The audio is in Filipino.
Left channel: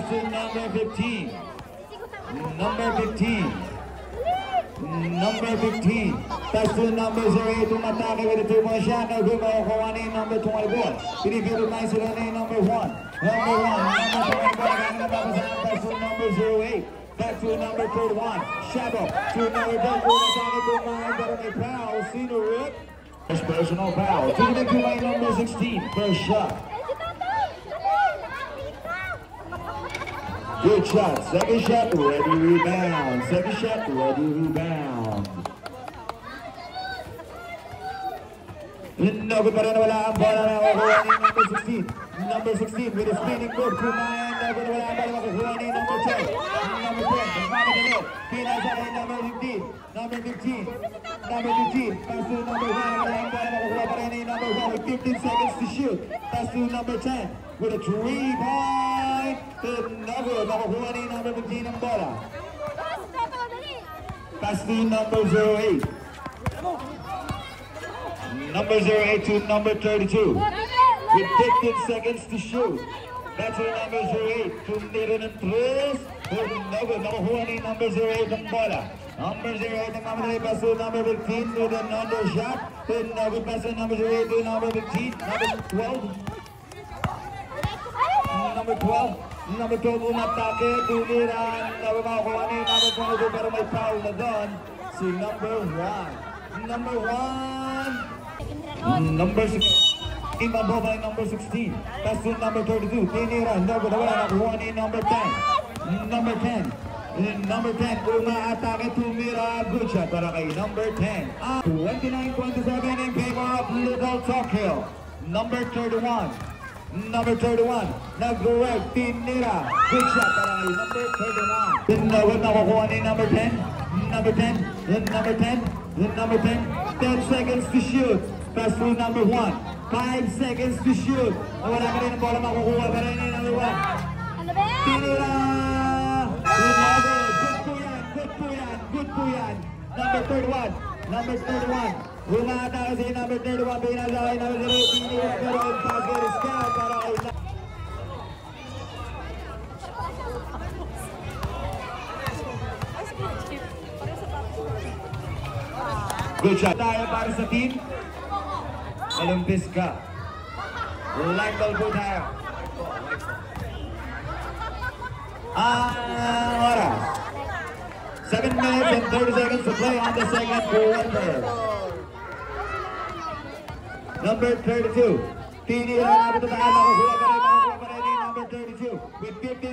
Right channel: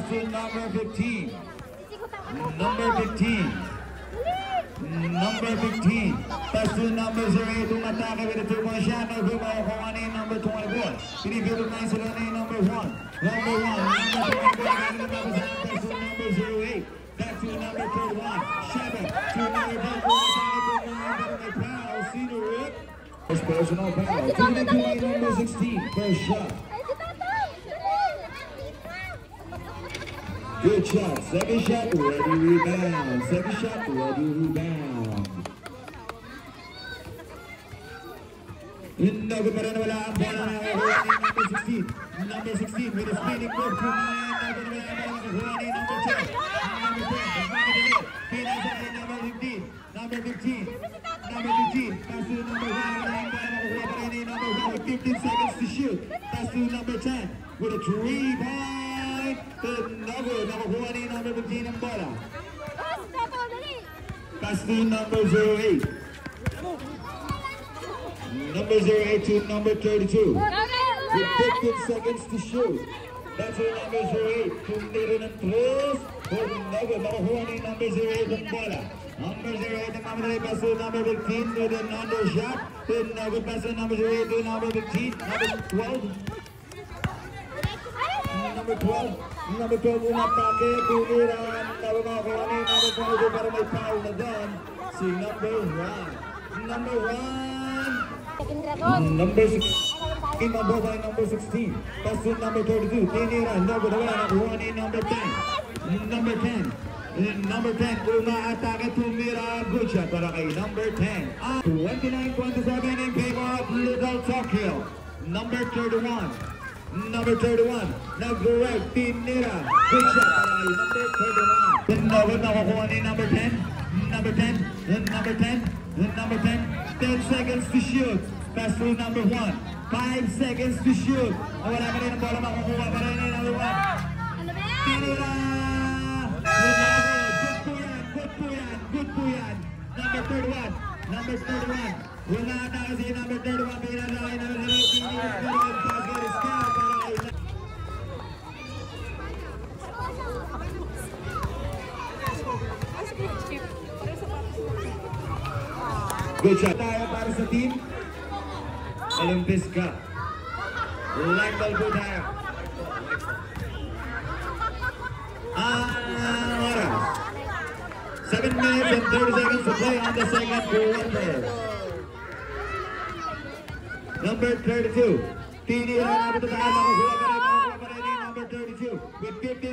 pass to number 15. Number 15. Number 15. Pass to number 08. Umatake with a 2-point shot. No good by Kawani, number 24. Pinipito nice with number 1. Number 1. Number 24. Pass to number 08. Back to number 31. Shabo to number 10. Umatake to number may foul. Senior rip. First personal foul. Taking to my number 16. First shot. Good shot. Second shot, ready rebound. Second shot, ready rebound. No good pa rin, wala ang bola na makukuha ni number 16. Number 16 with a spinning move to mine. No good, wala ang bola makukuha ni number 10. Number 10, magmamadali. Pinasa kay number 15. Number 15. Number 15. Pass to number 1. Wala ang bola makukuha pa rin ni number 1 with 15 seconds to shoot. Pass to number 10 with a 3-point. No good, makukuha ni number 15 ang bola. Pass to number 08. Number 08 to number 32. With 15 seconds to shoot. That's for number 08. Tumira ng tres. No good, makukuha ni number 08 ang bola. Number 08 ang mamadali. Pass to number 15 with an undershot. No good, pass to number 08 to number 15. Number 12. Number 12. Number 12 umatake. Tumira. Makukuha ni number 22 pero may foul na doon. Si number 1. Number 1. Number 16, mababa ay number 16. Pass to number 32. Tinira, no good, wala nakuha ni number 10. Number 10. Number 10, umaatake, tumira. Good shot para kay number 10. 29-27 in favor of Little Tokyo. Number 31. Number 31. Nag-work, tinira. Good shot para kay number 31. No good, nakukuha ni number 10. Number 10. Number 10. Number 10. 10 seconds to shoot. Pass to number 1. 5 seconds to shoot. Wala ka rin ang bola, makukuha pa rin yung number 1. Tinira! Good po yan, good po yan, good po yan. Number 31. Number 31. Umaatake si number 31. Pinasakay number 0. Tinira pero ang basket is count para kay good shot. Tayo para sa team. Olympus Cup. Light ball po tayo. Oras. 7 minutes and 30 seconds to play on the second quarter. Number 32. Tinira na ito tayo. Makukuha pa rin. Number 32. With 50